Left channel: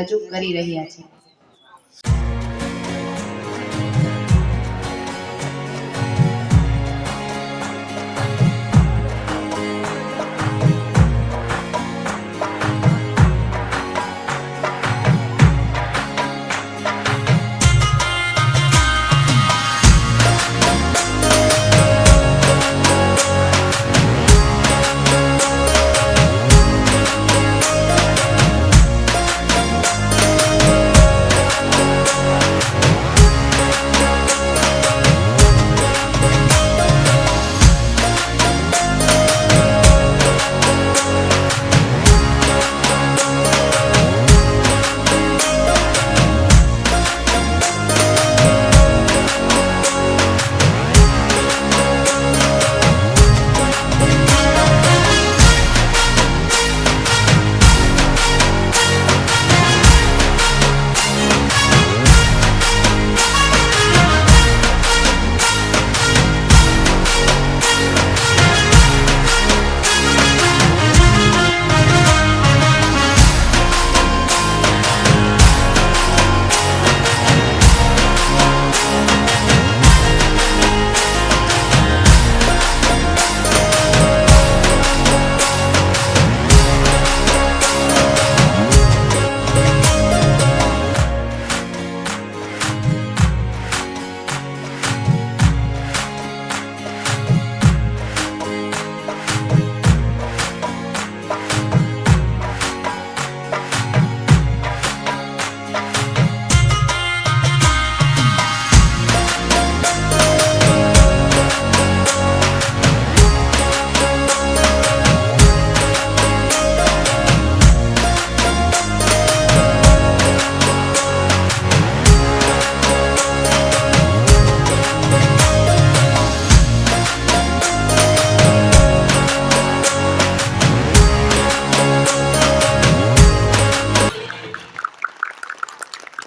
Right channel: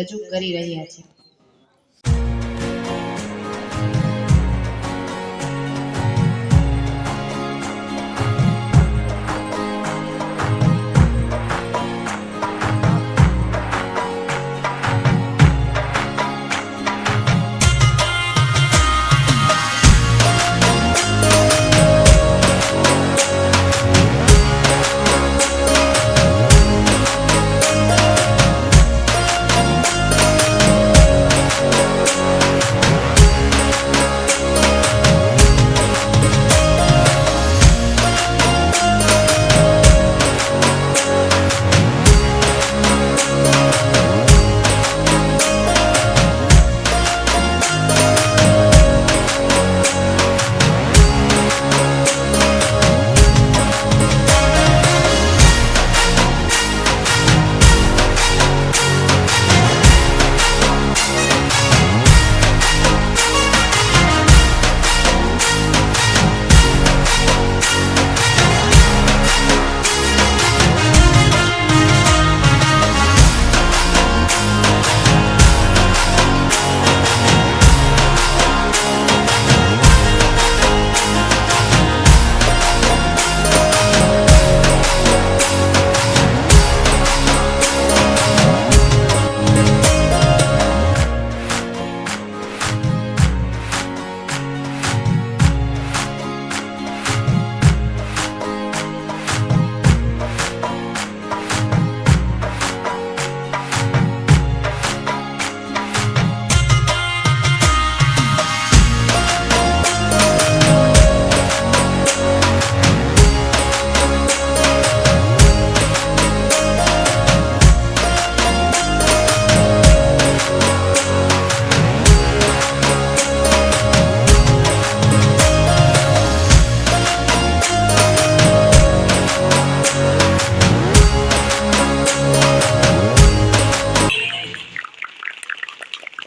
રજૂ કરી રહ્યા છે.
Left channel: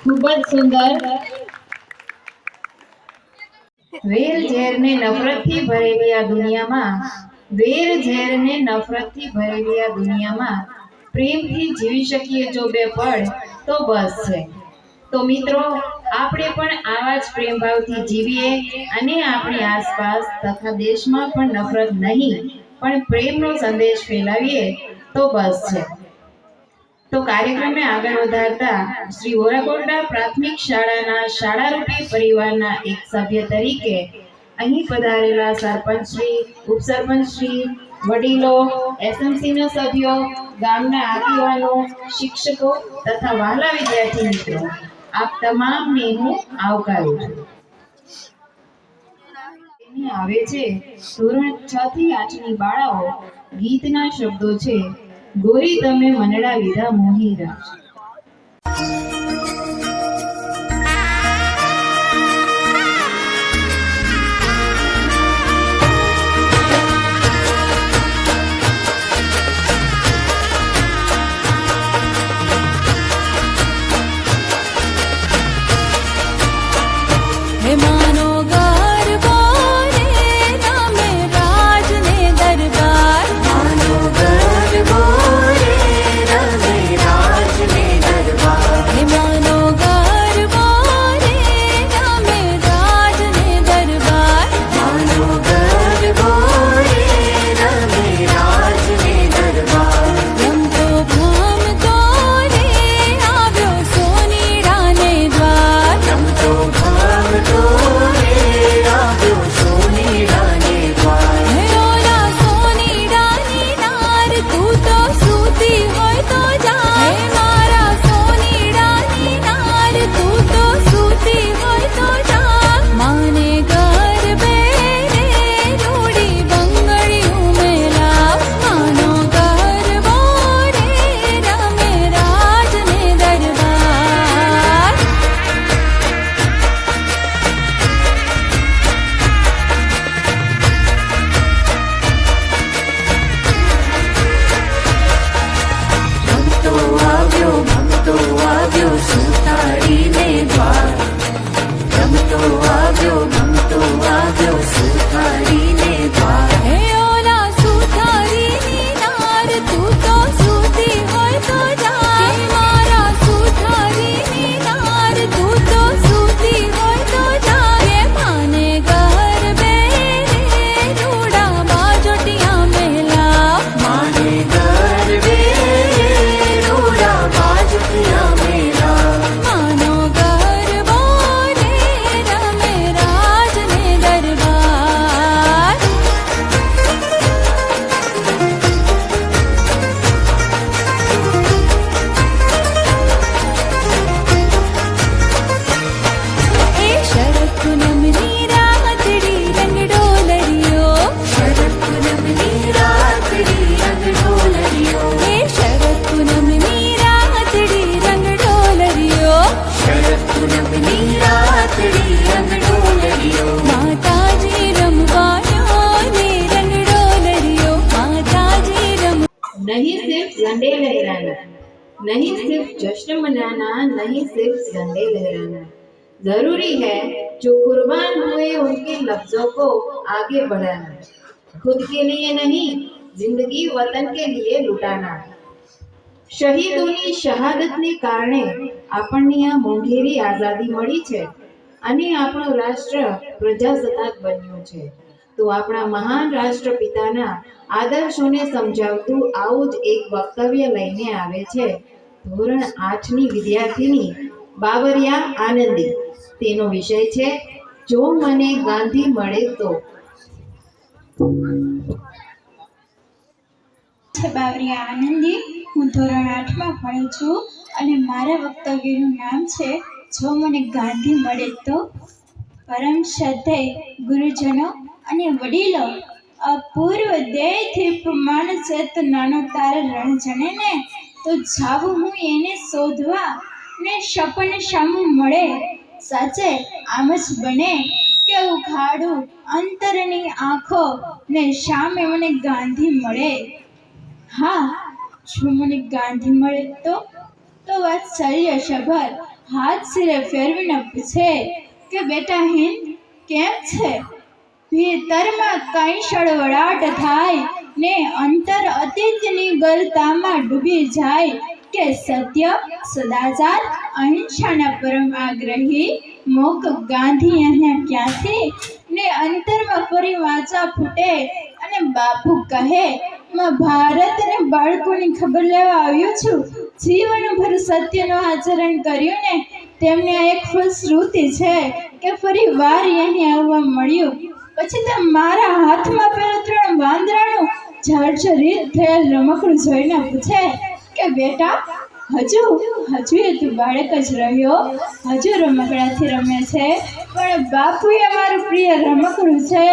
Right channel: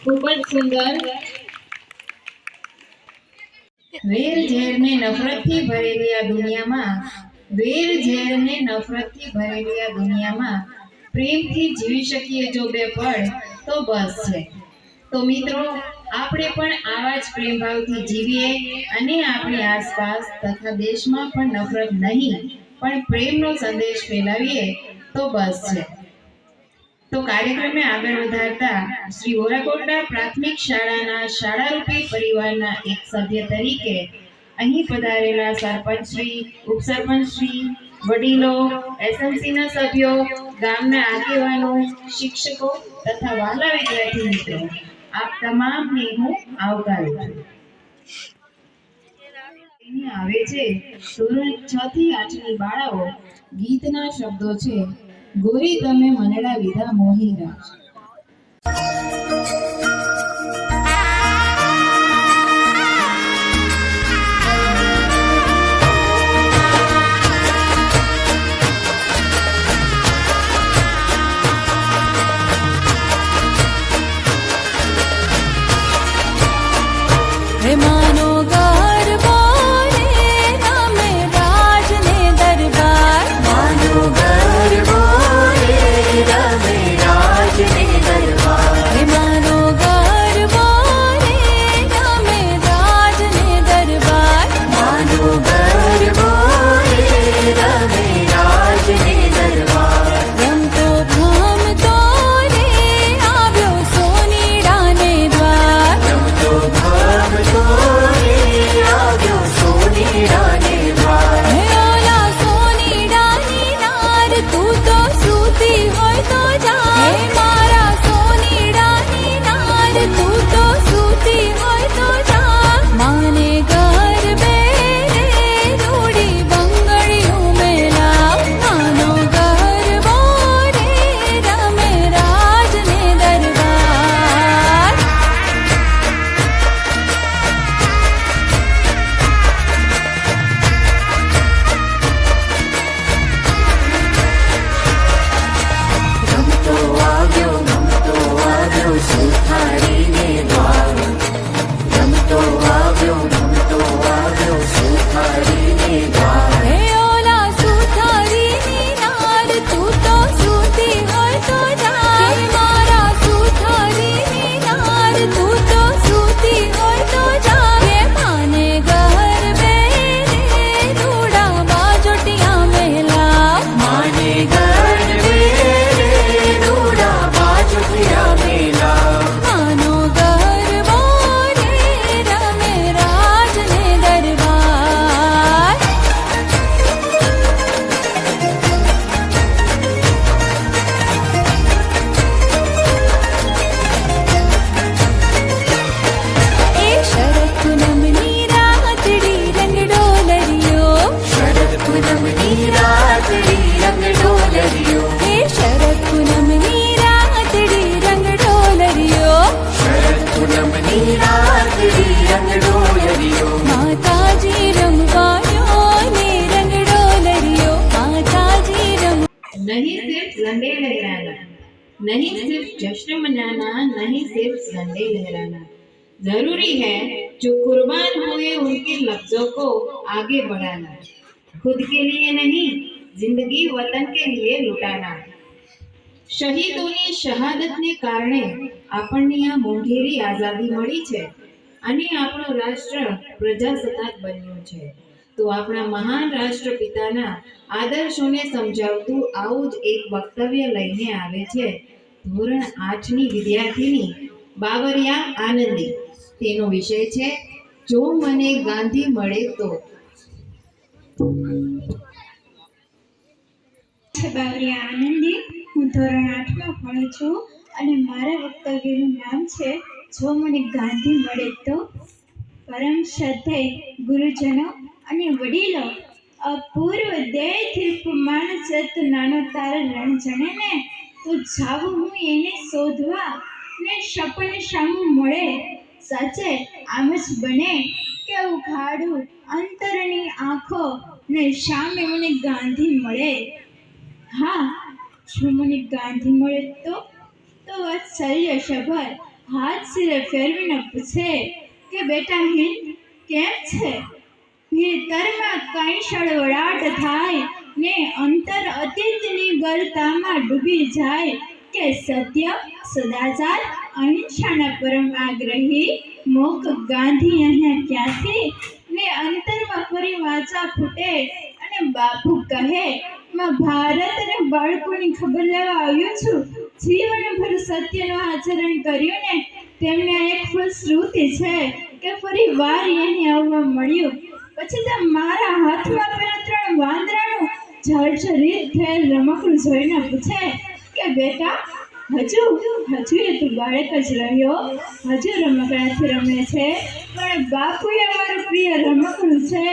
ખૂબ જ સુંદર. વેર ઝેરને નફરતથી ભરેલી આ દુનિયામાં પ્રેમથી જીવી શકીએ જો બે પળ તો બસ છે. તો મિત્રો, આપણે પણ આવા જ પ્રેમ ભાવથી જીવીએ અને આપણી આસપાસ તથા દેશમાં પણ નફરત નહીં પણ પ્રેમનો સંદેશ ફેલાવીએ તો બસ છે. તો કાર્યક્રમને આગળ વધારતા શ્રી વોરાકોટડા પ્રાથમિક શાળાના શાળારૂપી પરિવારના એક સભ્ય તરીકે અહીં પધારેલા સરપંચશ્રી, ઉપસરપંચશ્રી, વડીલો, એસએમસીના સભ્યો, ગામના આગેવાનો, શિક્ષકો તથા વહાલા વિદ્યાર્થી મિત્રો, આપ તમામને હું આવકારું છું. આવે છે ધોરણ 6 થી 8 ની બાળાઓ. ગીતના શબ્દો છે, ગોરી તમે મનડા વિધા મોહીરા. હે માનો ગરબો રે રામે રાજને દરબાર, માનો ગરબો રે રામે રાજને દરબાર, હે नहीं सिर्फ जश्न मनाना, नहीं सिर्फ झंडे लहराना। जरूरी है जो कुर्बान हुए उनके लफ्जों को आगे बढ़ाना। खुद के लिए नहीं, जिंदगी वतन के लिए लुटाना। શહીદોની શહાદતને કારણે આપણને આ મોંઘેરી આઝાદી મળી છે અને આપણું રાષ્ટ્ર પ્રજાસત્તાક બન્યું છે। તો આપણા મહાન રાષ્ટ્રપિતાના આદર્શોને સમજાવતું આવું જ એક વક્તવ્ય લઈને આવે છે ધોરણ 8ની વિદ્યાર્થીની બાબરિયા આનંદી। તેનો વિષય છે જો મને ગાંધી મળે તો। બાબરિયા આનંદી। હું ધોરણ 8માં ભણું છું અને મારા વક્તવ્યનું નામ છે જો મને ગાંધી મળે તો। પરમ શ્રદ્ધેય ગુરુજનો અને વડીલો, અપૂર્વ ધ્યેયથી માણસ તો નાનો તાર રણજણે ને તો જાવું હું એને શોધવા ને સપન સામું મળે। સાચે આમ જ બને કે ઉઘાડું અંતરની આંખો ને સામે મને ગાંધી મળે। હા, જો મને ગાંધી મળે તો વાત્સલ્ય સભર હાથ સિરે ફેરવીને પૂછે કે બેટા હિન્દ કેમ છે? ભીતરમાં કઈ સળવળાટ થાય ને અંતર અતીતની ગલતામાં ડૂબી જાય કે સત્ય, સદાચાર, અહિંસાના પરમ આગ્રહી મોક ગાંધી અહીંયા ક્યાંથી ને અંતરમાં ફરી વાંચા ફૂટે અને બાપુ કહે માં ભારત અને બાળકોની ખબર લેવા આવ્યો છું। જીવનભર સત્યનું આચરણ કર્યું ને તેમને આ એક ફલશ્રુતિ છે કે ફરી વાર અહીં આવવા મળ્યું। પછી તો મારા હાથમાં પેલું 3 વાંદરાનું જર્જરિત થયેલ રમકડું જોઈને પૂછે કે બેટા હજુ એ તું બાળક જ રહ્યો, હજુ રમકડાથી રમે છે? પણ બાપુએ મારું પ્રિય રમકડું છે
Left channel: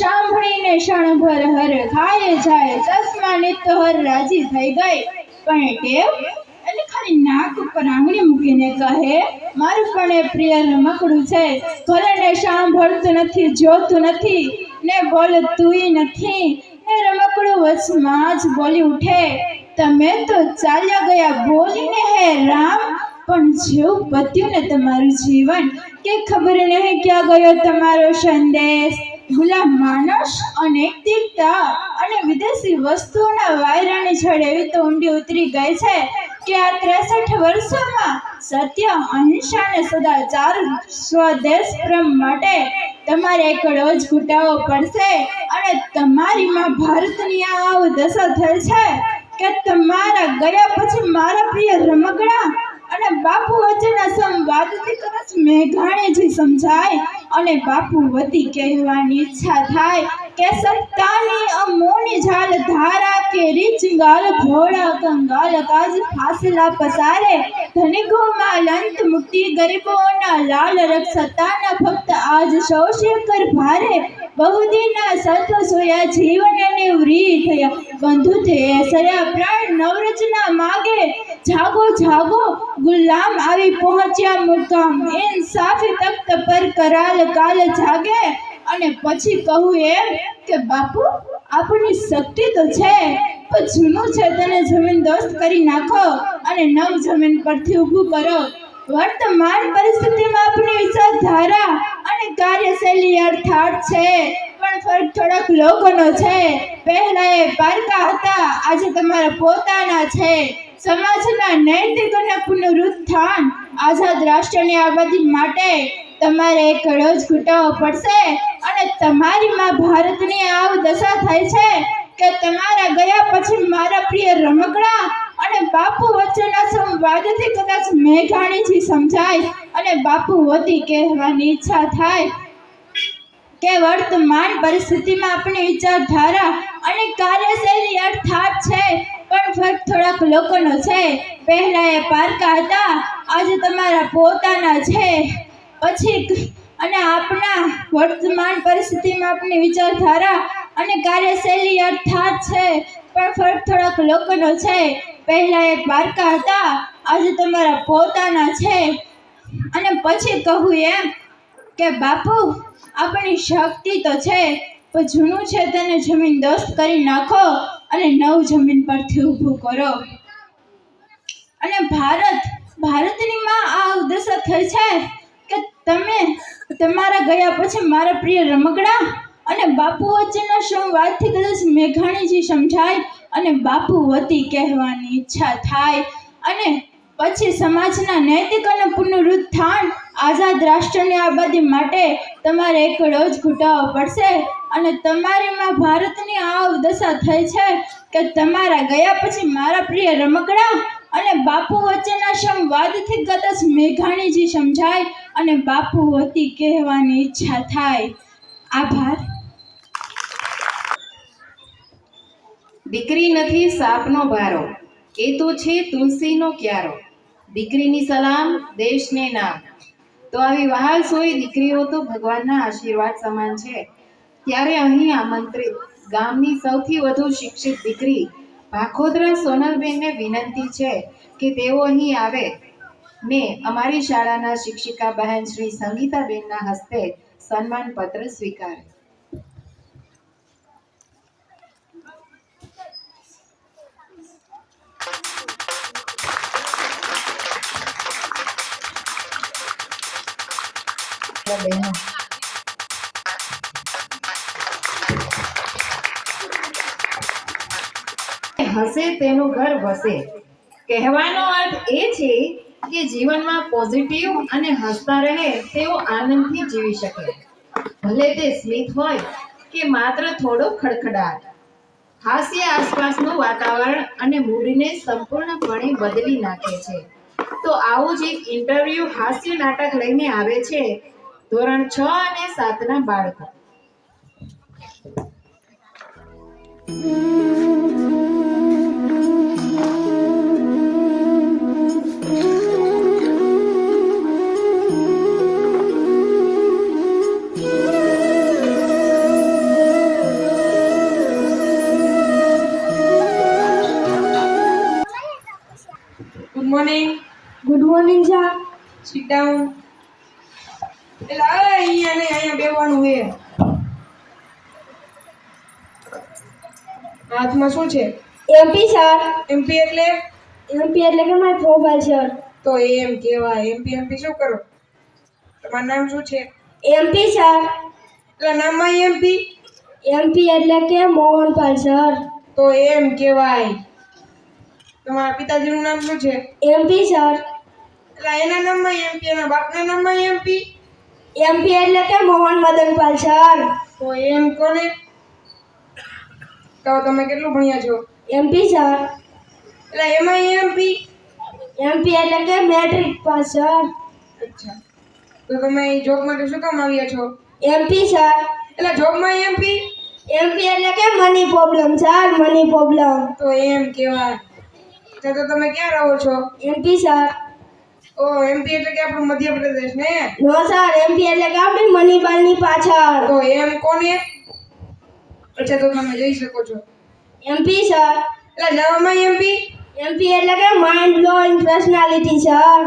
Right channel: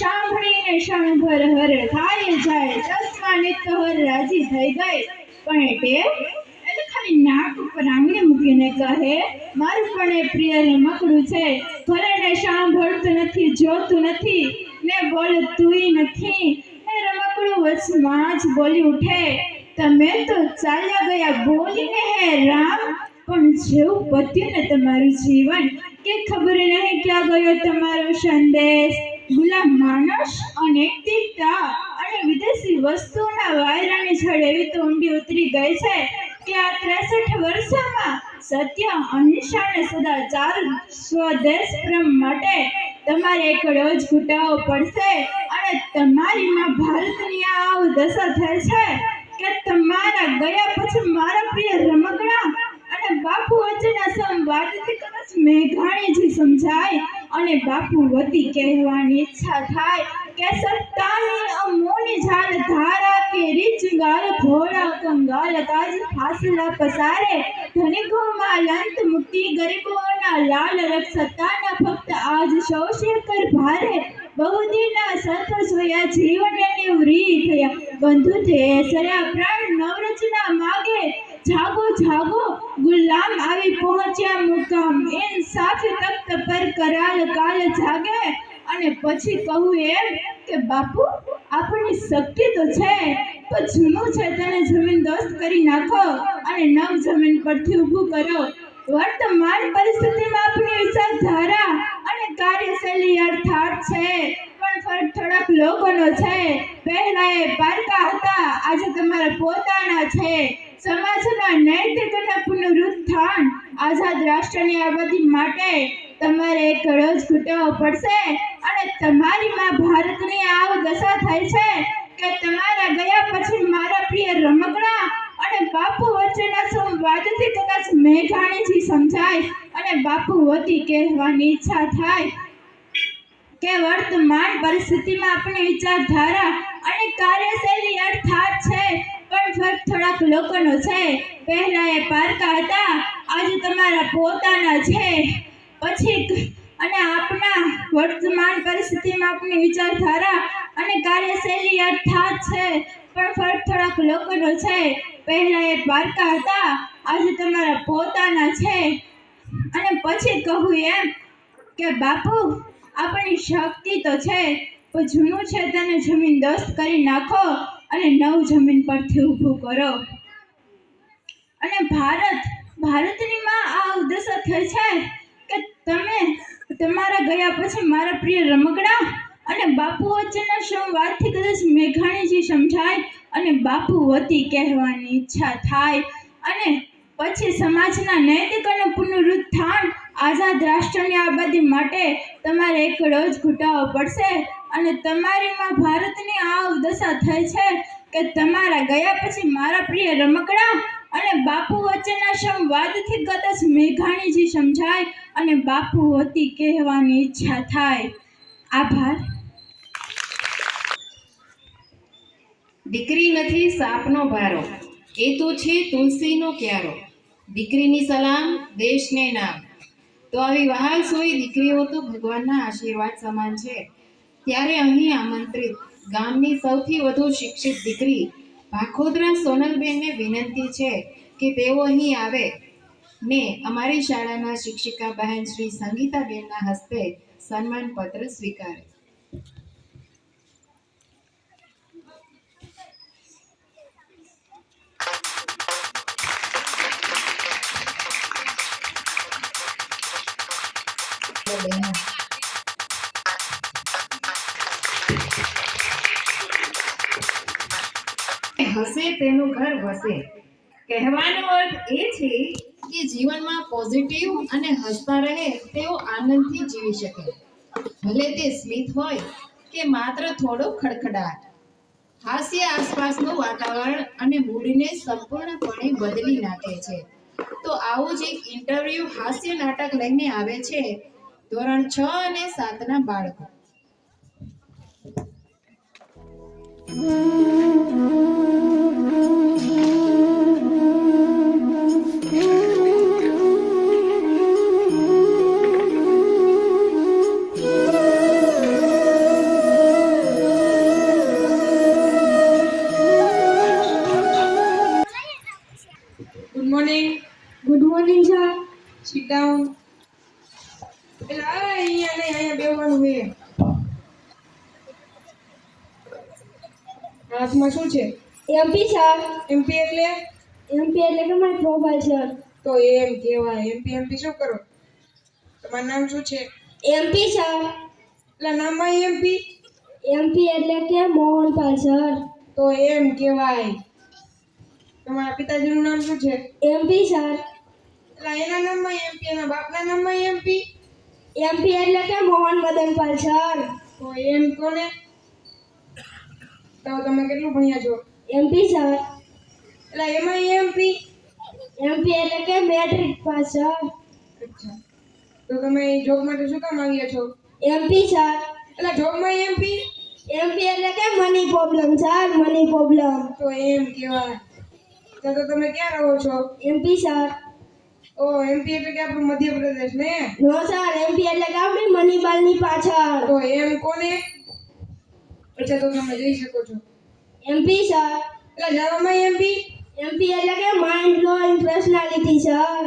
સાંભળીને ક્ષણભર હર ખાય જાય, ચશ્માની તો હર રાજી થઈ ગઈ। પણ ટેવ એટલે ખાલી નાક ઉપર આંગળી મૂકીને કહે મારું પણ એ પ્રિય રમકડું છે, ભલે ને સાંભળતું નથી, જોતું નથી ને બોલતુંય નથી। એ રમકડું વચમાં જ બોલી ઉઠે તમે તો ચાલ્યા ગયા બોલીને હે રામ, પણ જેવું પત્યું ને તમારું જીવન કે ખબર નહીં ક્યાં ગયો તમારો સંદેશ। ગુલામ માનસ, અનૈતિકતા અને વિદેશી વસ્તુઓના વાયરાની છડ એવી તો ઊંડી ઉતરી ગઈ છે કે આ 63 વર્ષોમાં સત્ય, અહિંસા અને સદાચાર, સ્વદેશ પ્રેમ માટે તમારે એકડો જ ઘૂંટાવો પડશે। અને તમારી માં ભારતની આ દશા થઈ છે કે તમારા ગયા પછી મારા પ્રિય રમકડા અને બાપુ વચ્ચેના સંવાદથી કદાચ મેઘાણીજી સમજાય અને બાપુ વતી કહેવાની ઈચ્છા થાય કે સત્તાની અમોની ઝાલ ધારા કે રીચ ગાલ ઘોડા કંગાલ કાજ ફાસલા પસારે, ધનિકોમાં લંત મુક્તિ ગરીબોના લાલ રક્ષ સત્તાના ભક્ત આજ સૌશે કર ભારે, બહુદીના સત્વ સોયા જીવન નિવૃત્ત થયા બંધુ તે સર્યા પ્રાણ નવરચના માગે, જાગો જાગો ગુલામ આવી પહોંચ્યા મુકામ, ઇન્સાફી તખ્ત પર કરાલ કાલ જાગે। અને પછી કહું એમ કે બાપુ આપણી શક્તિ તો છે પણ જૂનું છે તેને જમીન દોસ્ત કરી નાખો અને નવ જમીન પરથી ઊભું કરો। વર્તમાન પરિસ્થિતિમાં આપણી વિચારધારા અને કાર્યશૈલી અર્થાત છે પણ ફરક થોડાક લોકોનો છે। પહેલા એ પારકા હતા, આજે તમારા પોતાના છે। સમાજના નૈતિક અને પુનરુત્થાન આઝાદ રાષ્ટ્રની આબાદી માટે તમારે એકડો જ ઘૂંટાવો પડશે। અને તમારી માં ભારતની આવ દશા થઈ છે કે તમારા ગયા પછી મારા પ્રિય રમકડા અને બાપુ વચ્ચેના સંવાદથી કદાચ મેઘાણીજી સમજાય અને બાપુ વતી કહેવાની ઈચ્છા થાય કે વર્તમાન પરિસ્થિતિમાં આપણી વિચારધારા અને કાર્યશૈલી અર્થાત છે પણ ફરક થોડાક લોકોનો છે। પહેલા એ પારકા હતા, આજે તમારા પોતાના છે। પછી અને આપણા વર્તમાન પરિસ્થિતિમાં આપણી વિચારધારા અને કાર્યશૈલી અર્થાત છે પણ ફરક થોડાક લોકોનો છે। પહેલા એ પારકા હતા, આજે તમારા પોતાના છે। અને પછી કહું એમ કે બાપુ આપણી શક્તિ તો છે પણ જૂનું છે તેને જમીન દોસ્ત કરી નાખો અને નવ જમીન પરથી ઊભું કરો। અને ભારતની માં આ દશા થઈ છે કે તમે તમારા ગયા પછી મારા પ્રિય રમકડા અને બાપુ વચ્ચેના સંવાદથી કદાચ મેઘાણીજી સમજાય અને બાપુ વતી કહેવાની ઈચ્છા થાય અને પછી સમાજના નૈતિક અને પુનરુત્થાન આઝાદ રાષ્ટ્રની આબાદી માટે તમારે એકડો જ ઘૂંટાવો પડશે અને તમારીમાં ભારતની આ દશા થઈ છે કે તમારા ગયા પછી મારા પ્રિય રમકડા અને બાપુ વચ્ચેના સંવાદથી કદાચ મેઘાણીજી સમજાય અને બાપુ વતી કહેવાની ઈચ્છા થાય. આભાર. દીકરી નથી સાપનો ભારો, એ તો છે તુલસીનો ક્યારો. દીકરીની સલામ, દેશને નામ. તો આવી વહાલ સોઈ દીકરીઓ તો ભગવાનના આશીર્વાદ સમાન છે. ત્યારે અહીં આમંત્રિત ગામની સૌથી વધુ શિક્ષિત દીકરી ભાખોદરા સોનલબેનને વિનંતી છે કે તેઓ અહીં આવે ને અમારી શાળાના શિક્ષિકા બહેન શ્રી સંગીતાબેનના હસ્તે સન્માન પત્ર સ્વીકારે. બહેનો, હસે તેનું ઘર વસે. કહેવાનો અર્થ એ છે કે જીવનમાં પોઝિટિવ અને હસતા રહે તેઓ આનંદથી જીવી શકે, ભલે તે સ્મિત હોય કે માત્ર થોડો ખડખડાટ. હાસ્ય આસપાસનું વાતાવરણ અને મૂડને સંપૂર્ણપણે બદલી નાખે છે. તો આવું જ એક ઇન્ટરવ્યુ હાસ્ય નાટક લઈને આવે છે ધોરણ 6 અને 7ના બાળકો. Good morning sir. Sit down. એટલે હવે અહીંયા બેવાનું છે. હાથમાં શું છે? MP sir. એમપી એટલે એમપી એટલે કે માય પ્રોફાઇલ સર. તો એમ કહેવાય. એમપી શું કરો? તમારું નામ શું છે? MP sir. એટલે નામમાં એમપી? એમપી એટલે કે મોહનપાલ સર. તો એમ કહેવાય. તમારા પિતાજીનું નામ શું છે? MP sir. એટલે એના નામમાં એમપી, એના બાપના નામમાં એમપી? એમપી એટલે કે મોહન મદનપાલ સર. તો એમ કોને? તો તમે કેટલું ભણ્યા છો? MP sir. એટલે એમાં એમપી? એમપી એટલે કે મેટ્રિક પાસ સર. અચ્છા. તો તમે જોબ માટે શું કામ આવ્યા છો? MP sir. એટલે જોબમાં એમપી? એમપી એટલે કે money problem sir, money problem. તો એમ કહેવાય. તો તમે ક્યાં રહો છો? MP sir. ઓ એમપી એટલે કે આપણું મધ્યપ્રદેશ ને? નો સર, એમપી એટલે કે આપણી મનીબાલની પાછળ. તો એમ કોને? અચ્છા, તો તમે જઈ શકો છો. MP sir. એટલે જવામાં એમપી? એમપી એટલે કે માઇન્ડ બ્લોઇંગ પર્સનાલિટી સર.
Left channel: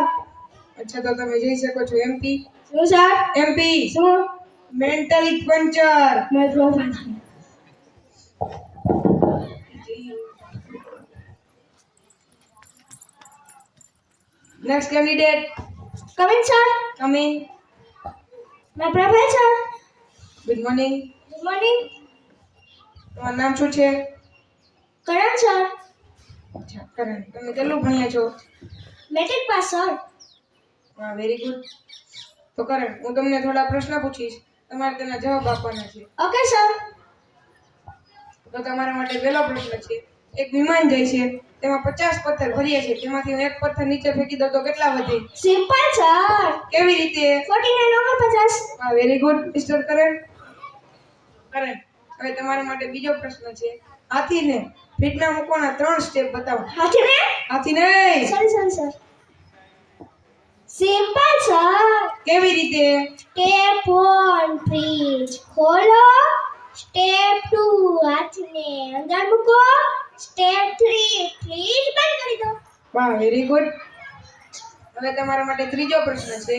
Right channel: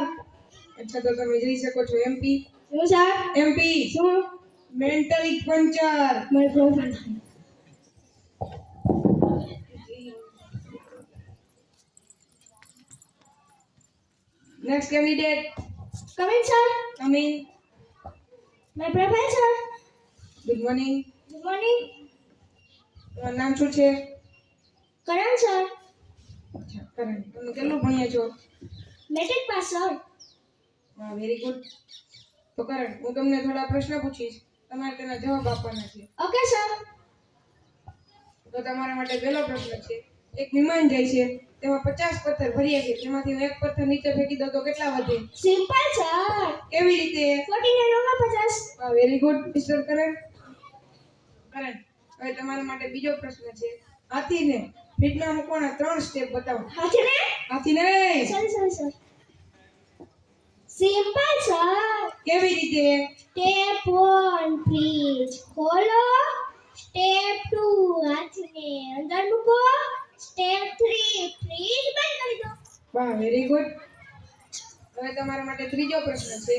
અચ્છા, તો તમે જઈ શકો છો. એમપી શું સર? એમપી શું? Mentally puncture. My profile. Next candidate come in sir. Come in. My profile sir. Good morning. Good morning. તમારું નામ શું છે? કરણ સર. અચ્છા, કરણ. તમે કેટલું ભણ્યા છો? Matric pass sir. હા, વેરી ગુડ. તો કરણ, હું તમને થોડા પ્રશ્ન પૂછીશ, તમારે તેના જવાબ આપવાના છે. Okay sir. તો તમારા માટે પહેલો પ્રશ્ન છે. એક વિમાન જાય છે, તેમાં 50 પથ્થર ભર્યા છે, તેમાંથી હું એક પથ્થર નીચે ફેંકી દઉં તો કેટલા વધે? Simple sir. કેવી રીતે? 49 over 50. હા, વેરી ગુડ મિસ્ટર કરણ. કરણ, હવે તમારા માટે બીજો પ્રશ્ન છે. હાથીને ફીટમાં મૂકવાના 3 સ્ટેપ બતાવો. હાથીને? હાથીને સર. Simple sir. કેવી રીતે? સ્ટેપ 1 ફ્રીજ ખોલો. સ્ટેપ 2 હાથને અંદર મૂકો. સ્ટેપ 3 ફ્રીજ બંધ કરી દો. વાહ, વેરી ગુડ. હવે તમારા માટે ત્રીજો પ્રશ્ન છે.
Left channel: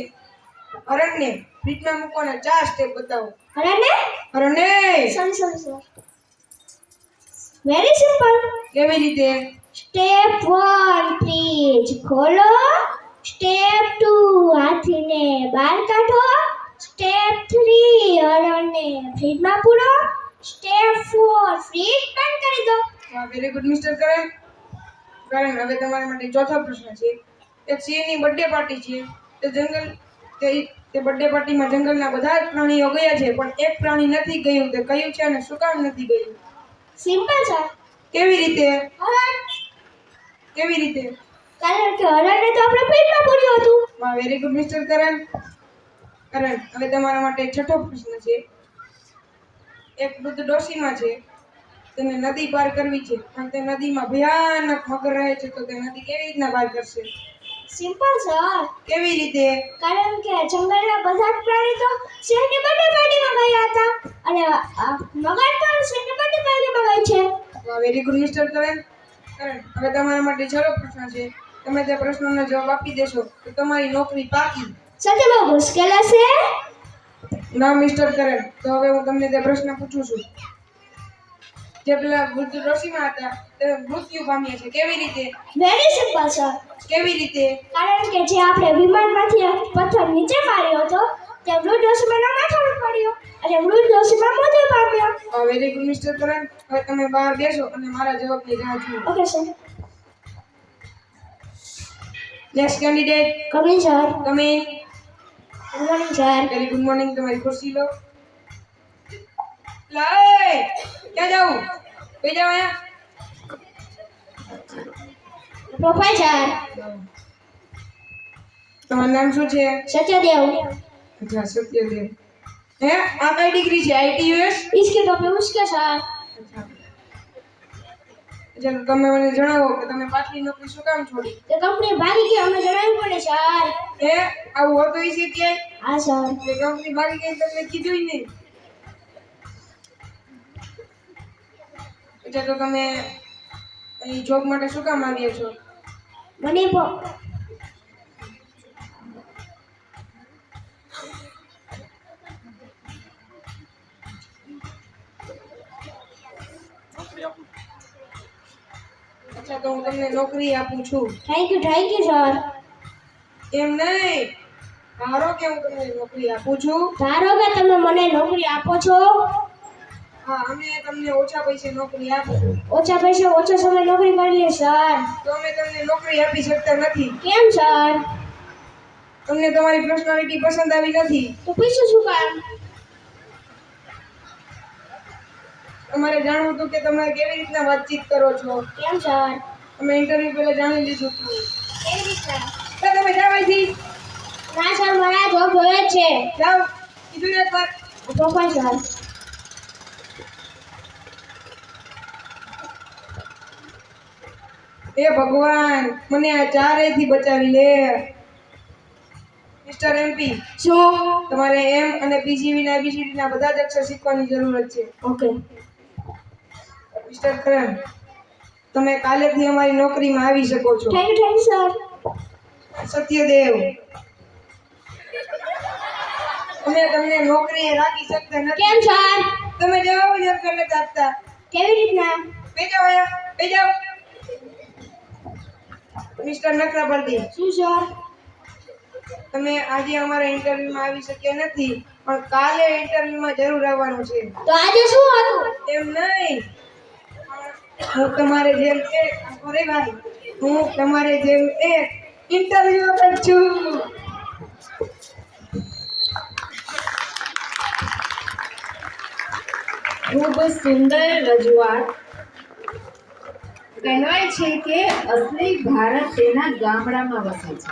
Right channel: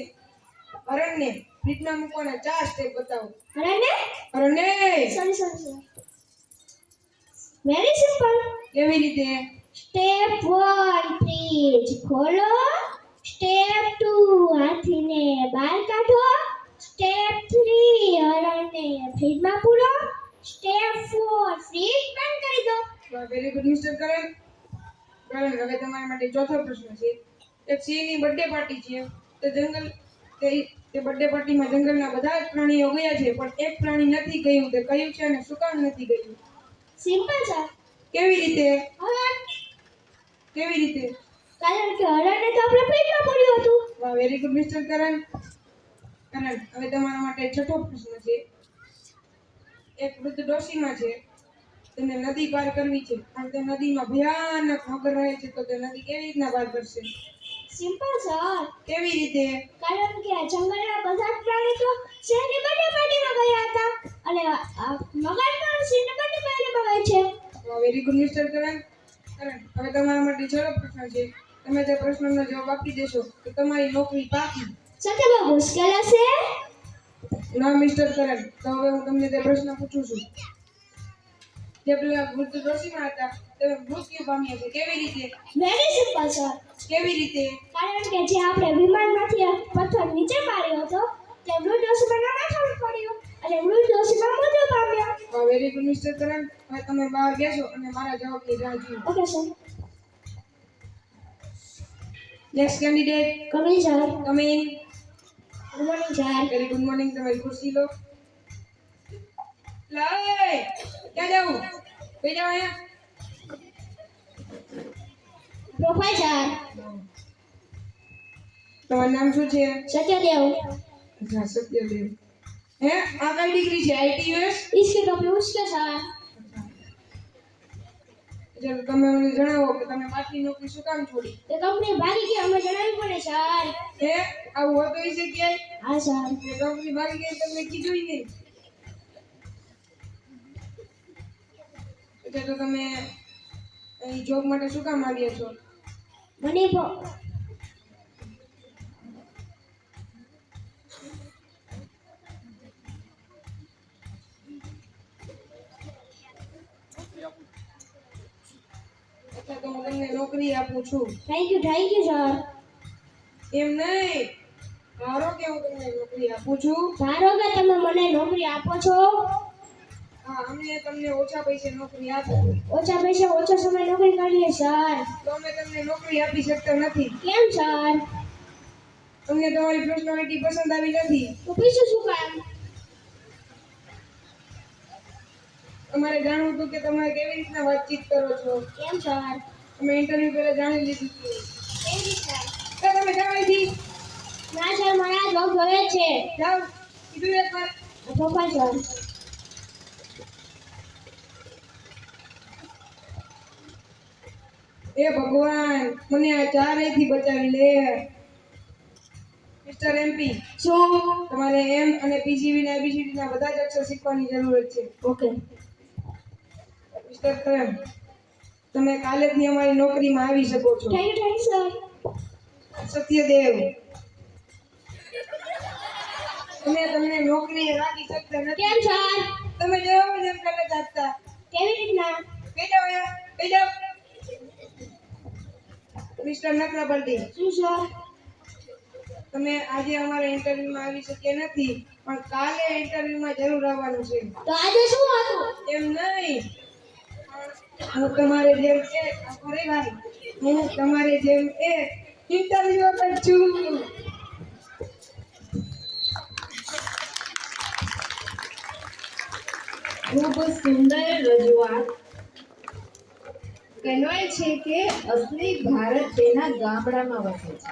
હરણને ફીટમાં મૂકવાના 4 સ્ટેપ બતાવો. હરણને? હરણને સર. Very simple. કેવી રીતે? સ્ટેપ 1 ફ્રીજ ખોલો. સ્ટેપ 2 હાથીને બહાર કાઢો. સ્ટેપ 3 હરણને ફ્રીજમાં પૂરો. સ્ટેપ 4 ફ્રીજ બંધ કરી દો. વાહ, વેરી ગુડ મિસ્ટર કરણ. કરણ, હવે તમારા માટે ચોથો પ્રશ્ન છે. એક સિંહની બર્થડે પાર્ટી છે. તે બર્થડે પાર્ટીમાં જંગલના બધા જ પ્રાણીઓ ગયા છે, પણ એક પ્રાણી નથી ગયું. તે કયું છે અને શું કામ નથી ગયું? સિમ્પલ છે. કેવી રીતે? હરણ. કેવી રીતે? કારણ કે હરણને તો આપણે ફ્રીજમાં પૂર્યું હતું. વાહ, વેરી ગુડ મિસ્ટર કરણ. કરણ, હવે તમારા માટે છઠ્ઠો પ્રશ્ન છે. એક વૃદ્ધ ડોશીમાં છે. તેને નદી પાર કરવી છે, પણ તે નદીમાં ભયાનક મગર રહે છે. તો તે નદી કેવી રીતના પાર કરશે? Simple sir. કેવી રીતે? કારણ કે જંગલના બધા જ પ્રાણી તો સિંહની બર્થડે પાર્ટીમાં ગયા હતા અને મગર પણ સિંહની બર્થડે પાર્ટીમાં ગઈ છે. વાહ, વેરી ગુડ મિસ્ટર કરણ. કરણ, હવે તમારા માટે છેલ્લો પ્રશ્ન છે. તમે તે પ્રશ્નનો જવાબ આપી દેશો તો તમારી નોકરી પાકી. સાથે બહુ મુશ્કેલ હશે. ના મિસ્ટર કરણ, તો હવે હું તમને તે પ્રશ્ન પૂછું છું. જે પેલા વૃદ્ધ ડોશીમાં હતા તે મૃત્યુ પામ્યા છે. કેવી રીતે? Very simple sir. કેવી રીતે? કારણ કે જે આપણે વિમાનમાંથી એક પથ્થર નીચે માર્યો હતો તે વૃદ્ધ ડોશીમાના માથા પર પડ્યો અને વૃદ્ધ ડોશીમા મૃત્યુ પામ્યો. વાહ, વેરી ગુડ મિસ્ટર કરણ. હવે તમે બહાર બેસો અને મારા જવાબની રાહ જુઓ. Okay sir. Next candidate, coming sir. Come in. Good morning sir. Very good morning. તમારી ખુરશી લો. લાય, ક્યાં જાઉં? કઈ જાવ અહીંયા? પ્રોફેસર તમારું નામ શું છે? સત્યદેવ. અચ્છા, સત્યદેવ. હે, આ કઈ ડિગ્રી છે? આઈટીયુએસ? इसके तो पे उसके साथ ચાલો, તમે મને જણાવો કે તમે પાછલી નોકરી શું કામ છોડી? તે કંપની ભાગી ગઈ અમને જણાવ્યું પડે સર. હે, આવું હોતું છે ક્યાંય? હા સર. એ કંપની ભાગી ગઈ તમને કીધું ય નહીં. અચ્છા, તો તમે અહીં જોબ માટે શું કામ આવ્યા છો? મને અચ્છા, તો હું તમને નોકરી આપું છું. Thank you sir. એમ નહીં, ધારો કે હું તમને નોકરી આપું છું. ધારો કે તમે મને નોકરી આપો છો. હા, અમે તમને ઓછા પૈસે નોકરી આપીશું. ઓછા પૈસા ઓછો સમય નોકરી કરીએ સર. તો અમે તમને નોકરી આપી શકતા નથી. કેમ સર? તમને તમારી પર્સનાલિટી પસંદ આવી નથી. તો પૈસા શું કામ? તમારે જાણવું હતું કે તમે કેવી રીતના વાતચીત કરો છો. કેમ સર? અમે ઇન્ટરવ્યુ પહેલા જાણી લીધું હતું. કેવી રીતે? તો તમે જાઓ અહીંથી. ના સર મારા જોબ જોઈએ જ છે. જાઓ, કીધું એકવાર. પ્રોફેસર એ ભગવાન, મને આ ચારેયથી બચાવી લે. મિસ્ટર એમપી, શું? તમારે એમ અને પીજીવી ના એબીસીડી ના બધા જ અક્ષર શીખવાની જરૂરત છે. ઓકે. મિસ્ટર કરણ, તમે કાલેથી અમારી નોકરીમાં આવી શકો છો. Thank you sir. સત્યદેવ, અમે તમને નોકરીએ રાખી શકતા નથી. કેમ સર? તમે જવાબ જ નથી આપતા. કેવી રીતના? બેજાઓ અહીંયા, બેજાઓ. મિસ્ટર નકરાબરદી, શું સર? તમે આજે અમારા ઇન્ટરવ્યુમાં આવી શક્યા નથી, પણ કાલે ઇન્ટરવ્યુમાં જરૂર આવવાનું છે. તો આજે શું હતું? એમ નહીં, હું તમારે જેમ એક અરે ભાઈ, હું તમારે જેમ એક ઇન્ટરવ્યુ પર છું. ખૂબ સુંદર રજૂઆત. કહેવાય છે કે અસલી ભારત તેના ગામડામાં વસે છે.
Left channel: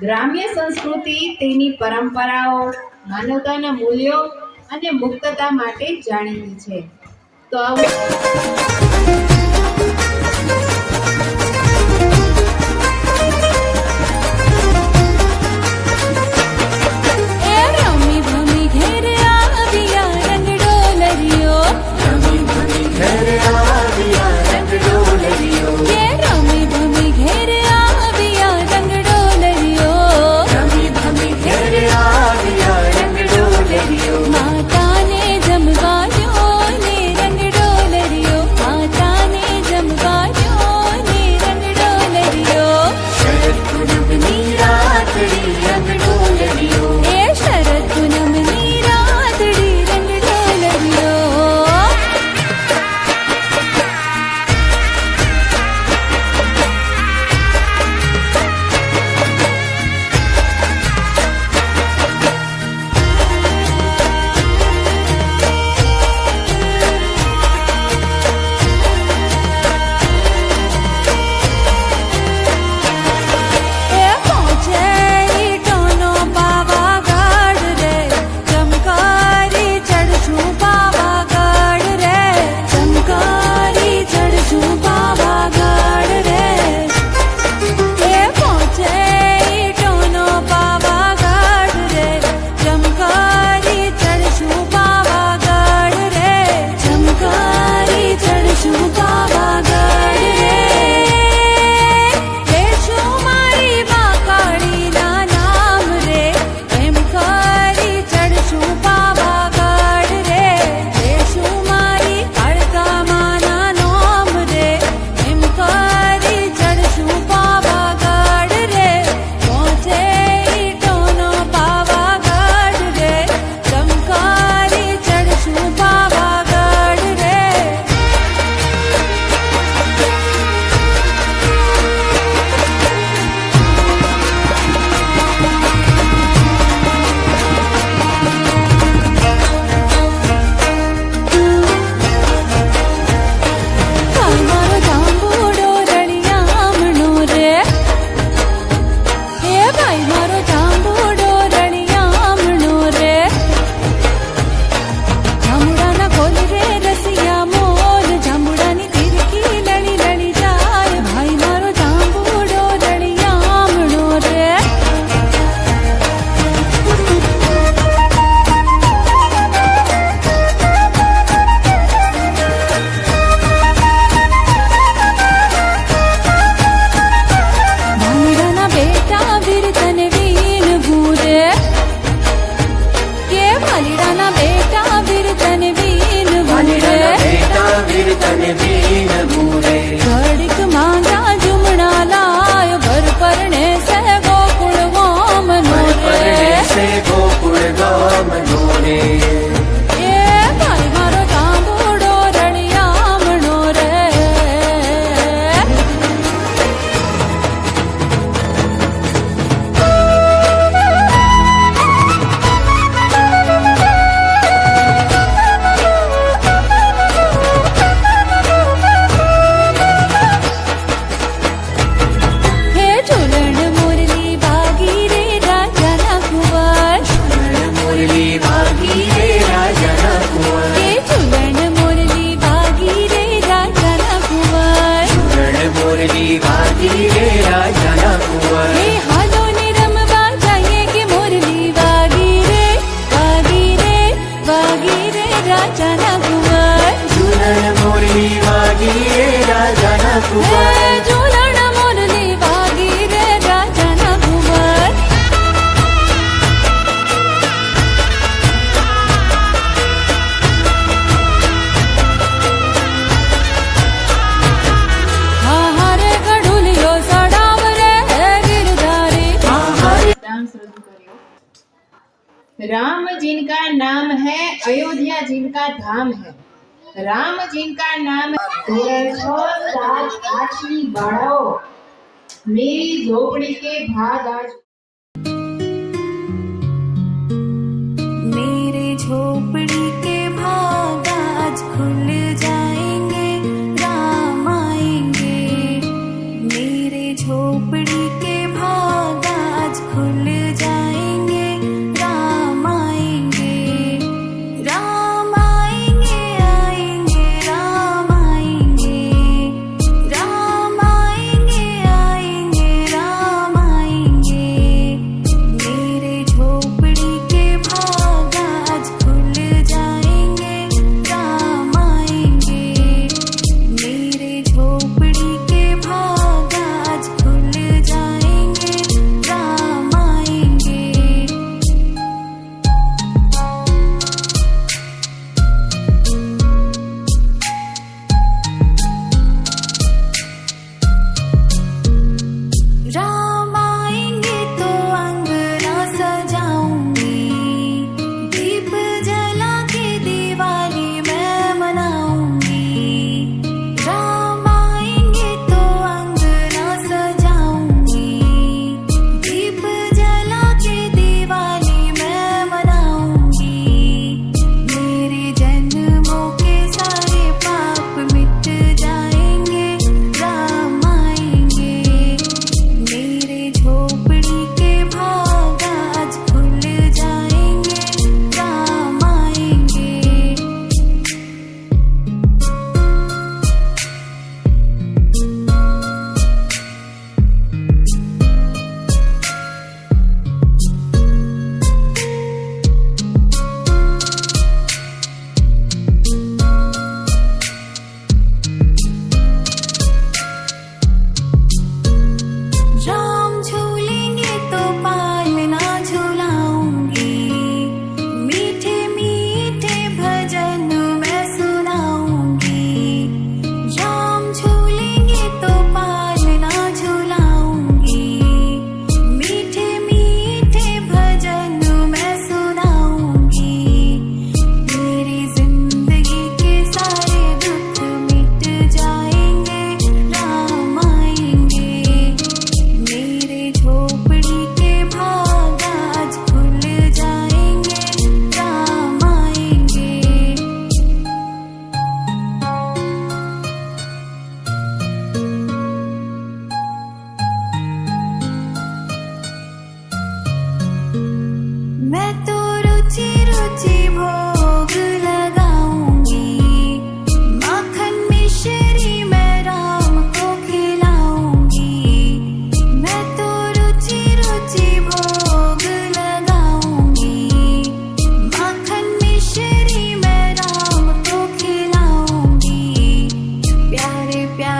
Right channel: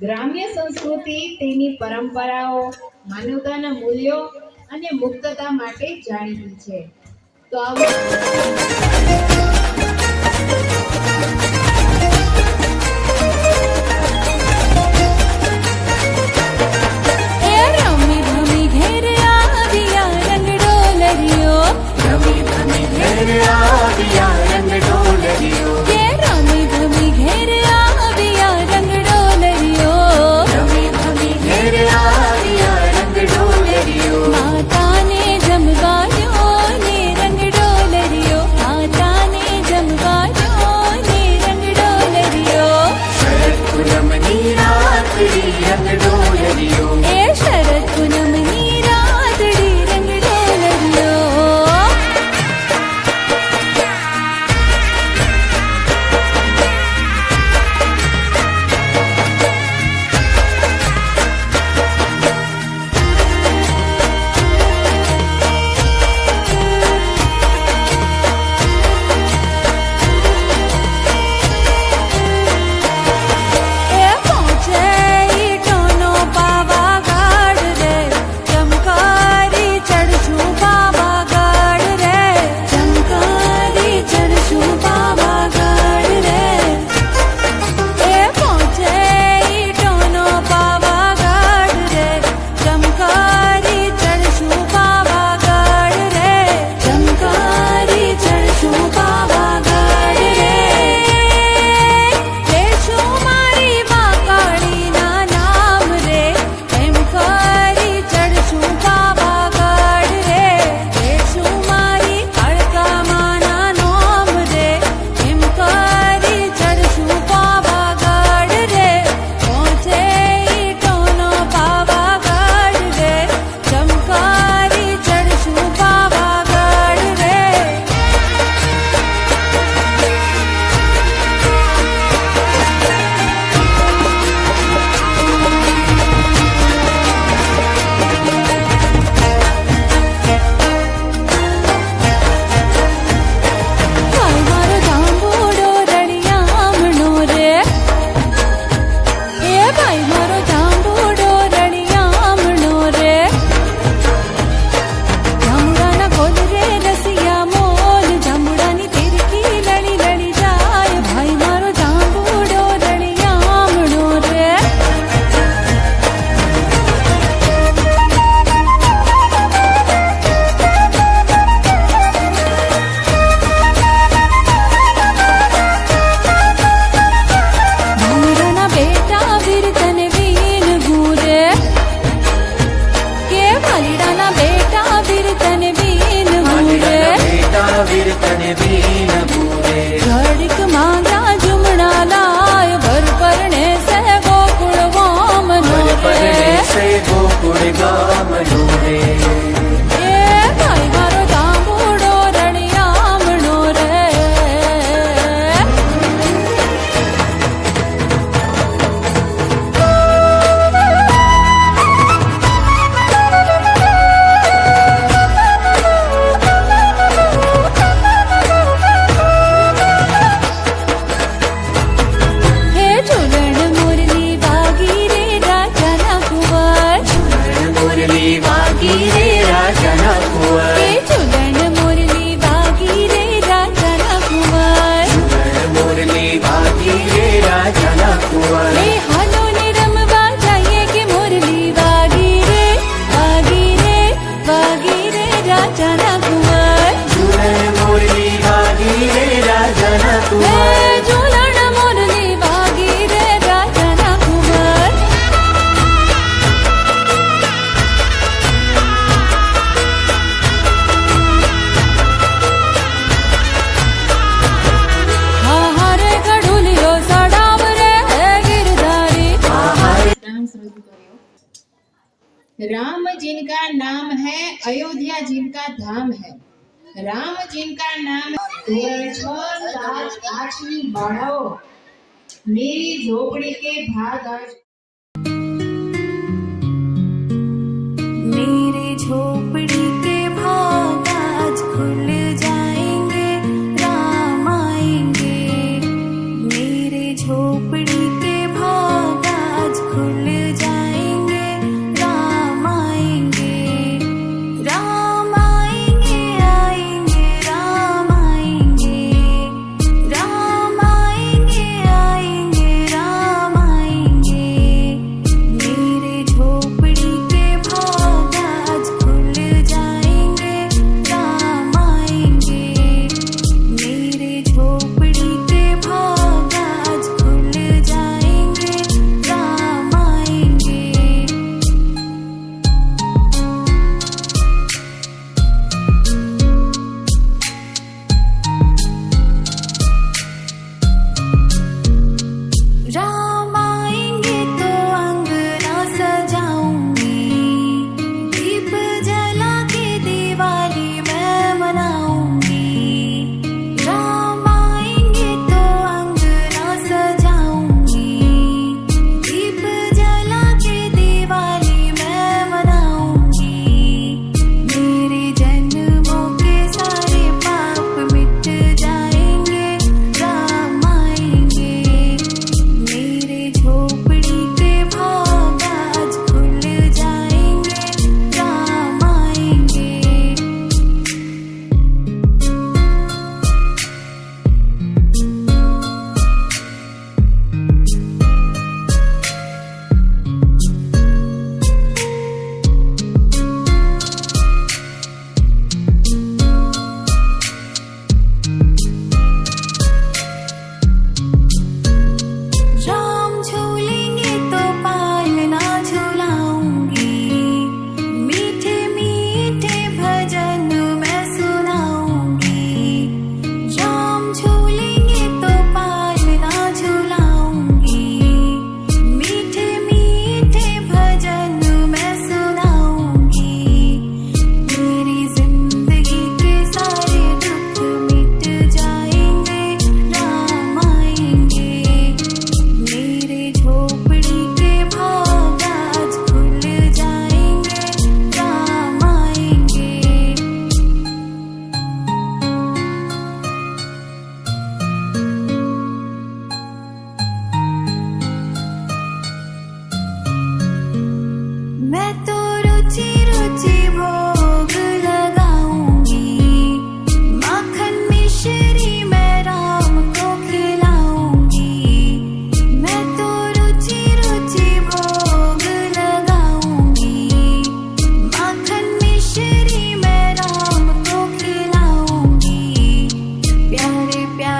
ગ્રામ્ય સંસ્કૃતિ તેની પરંપરાઓ, માનવતાના મૂલ્યો અને મુક્તતા માટે જાણીતી છે. તો આવું એ રમી ભમી ઘેર આવ્યા રંગડો લરિયો કે રમી ભમી ઘેર આવ્યા રંગડો લરિયો માતાને જમવા દો ને રંગડો લરિયો માતાને જમવા દો मारो जांबूडो रणियामणो रे जांबूडाना खोल रे रसिया मोल जांबूडानी तिरकी लड़ी लड़ी जाए भाई मारो जांबूडो रणियामणो रे भांगड़ाना बेटा वीरतन वीन भूरे के भालीडाना बेटा वीरतन वीन भूरे घड़िक मांगा जुमड़ा लाय वर परणे से गोकुल वामनो रे ए भाई मारो जांबूडो रणियामणो रे हे झूलण मुरली वागी रे राजाना कुंवर के झूलण मुरली वागी रे राजाना कुंवर हे हालो ने रमवा जाइए के मुरली वागी रे वागी रे वागी रे राजाना कुंवर हे झूलण मुरली वागी रे राजाना कुंवर हा हरे गढ़ुलियो सडाव रे गिरधारी डांस रजू करियो। राम जिनका नाम है, अयोध्या जिनका धाम है। राम जिनका नाम धोरण 6, 7, 8वीं बाळाओ मेरी झोपड़ी के भाग आज मेरे झोपड़ी के भाग आज खुल जाएंगे राम आएंगे मेरे झोपड़ी के भाग आज खुल जाएंगे राम आएंगे राम आएंगे आएंगे राम आएंगे राम आएंगे आएंगे राम आएंगे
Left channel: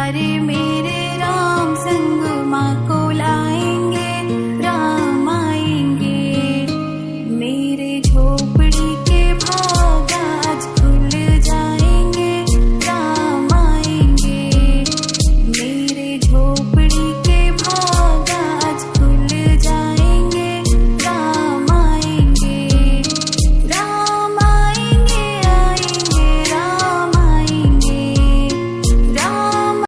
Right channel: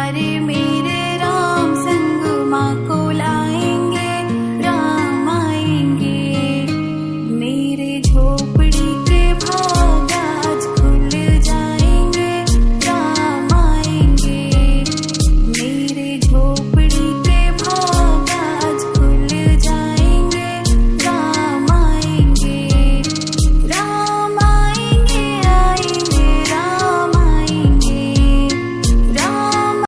તારે